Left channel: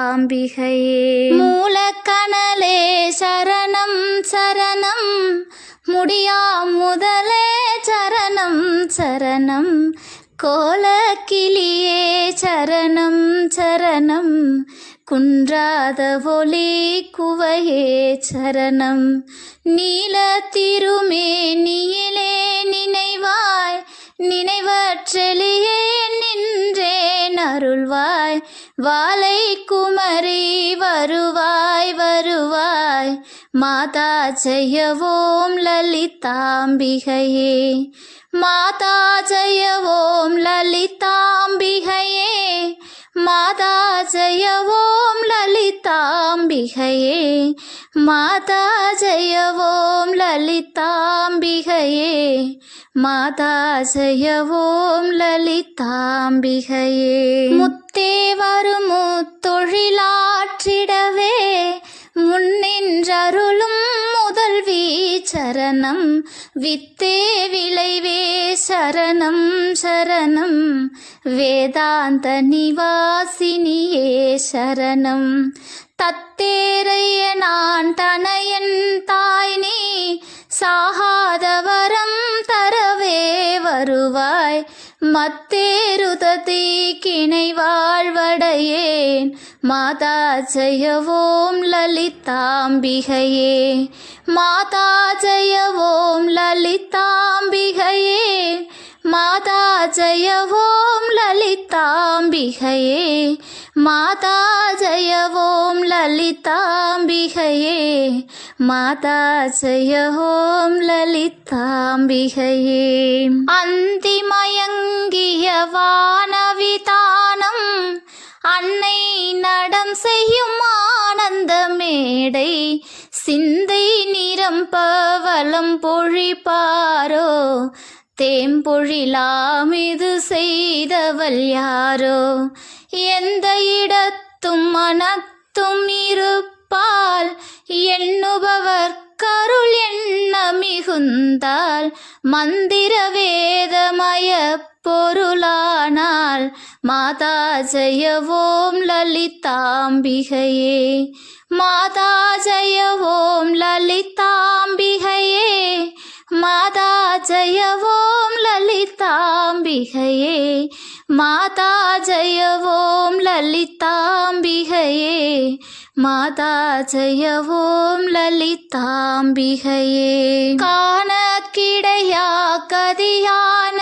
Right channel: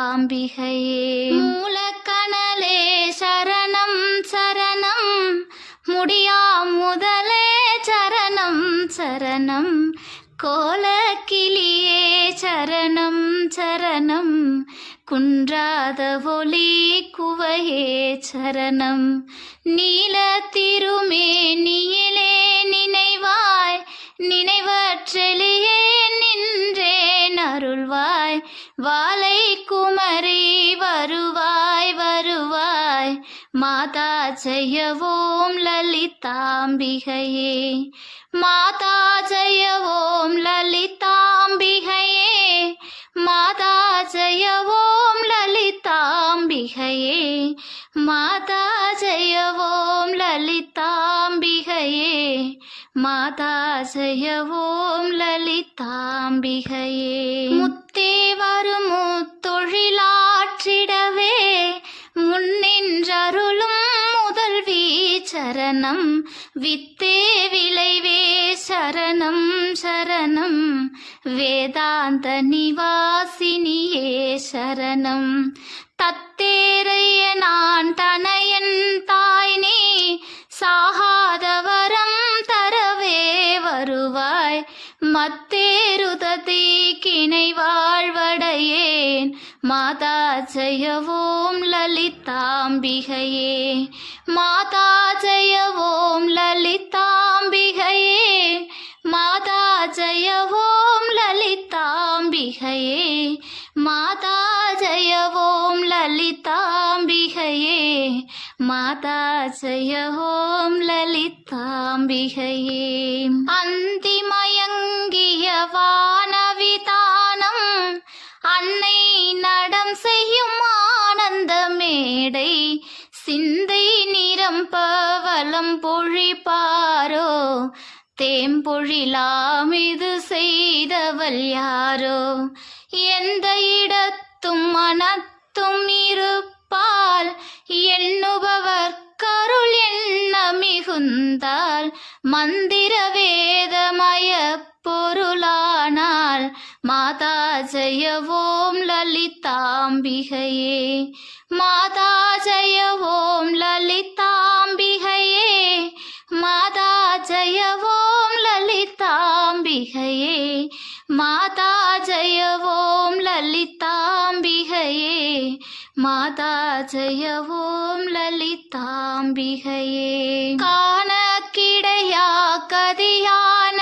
அம்பிகையே. மூலக்கணலே சரணம் சரணம். முடியா முதலே சரணம் சரணம். கோலக்கிளியே சரணம் சரணம். குன்றாத ஒளி குவையே சரணம். நீல திருமேனியிலே வாலை குமரி வருவாய் வருவாய். மாதா ஜெயவோம் லலிதாம்பிகையே. மாதா ஜெயவோம் லலிதாம்பிகையே. மாதா ஜெயவோம் லலிதாம்பிகையே. மாதா ஜெயவோம் லலிதாம்பிகையே. மாதா ஜெயவோம் லலிதாம்பிகையே. முத்தே வருமோ தொழிலாற்றிடவே முன்னின்றருளும் முதல்வி சரணம். வித்தே விளைவே சரணம் சரணம். வேதாந்த நிவாசினியே சரணம். தத்தேரைய நான் தனையன் வருவாய் மத்தேருததி கிணை வாழ்வடையேன். மாதா ஜெயவோம் லலிதாம்பிகையே. மாதா ஜெயவோம் லலிதாம்பிகையே. மாதா ஜெயவோம் லலிதாம்பிகையே. மாதா ஜெயவோம் லலிதா லலிதாம்பிகையே மாதா ஜெயவோம் லலிதாம்பிகையே. அந்திமயங்கிய வானவிதானம் அன்னை நடம் செய்யும் ஆனந்த மேடை சிந்தை நிரம்ப வலம் பொழிப்பாரோ தேம்பொழிலாம் இது செய்தவள் யாரோ? எந்த இடத்தும் மனத்தும் இருப்ப வந்தால் மந்திர வேதமய பொருளானால் மாதா ஜெயவோம் லலிதாம்பிகையே மாதா ஜெயவோம் லலிதாம்பிகையே மாதா ஜெயவோம் லலிதாம்பிகையே மாதா ஜெயவோம் லலிதாம்பிகையே माता जय ओं ललिताम्बिहये। कानकिडया कदियान्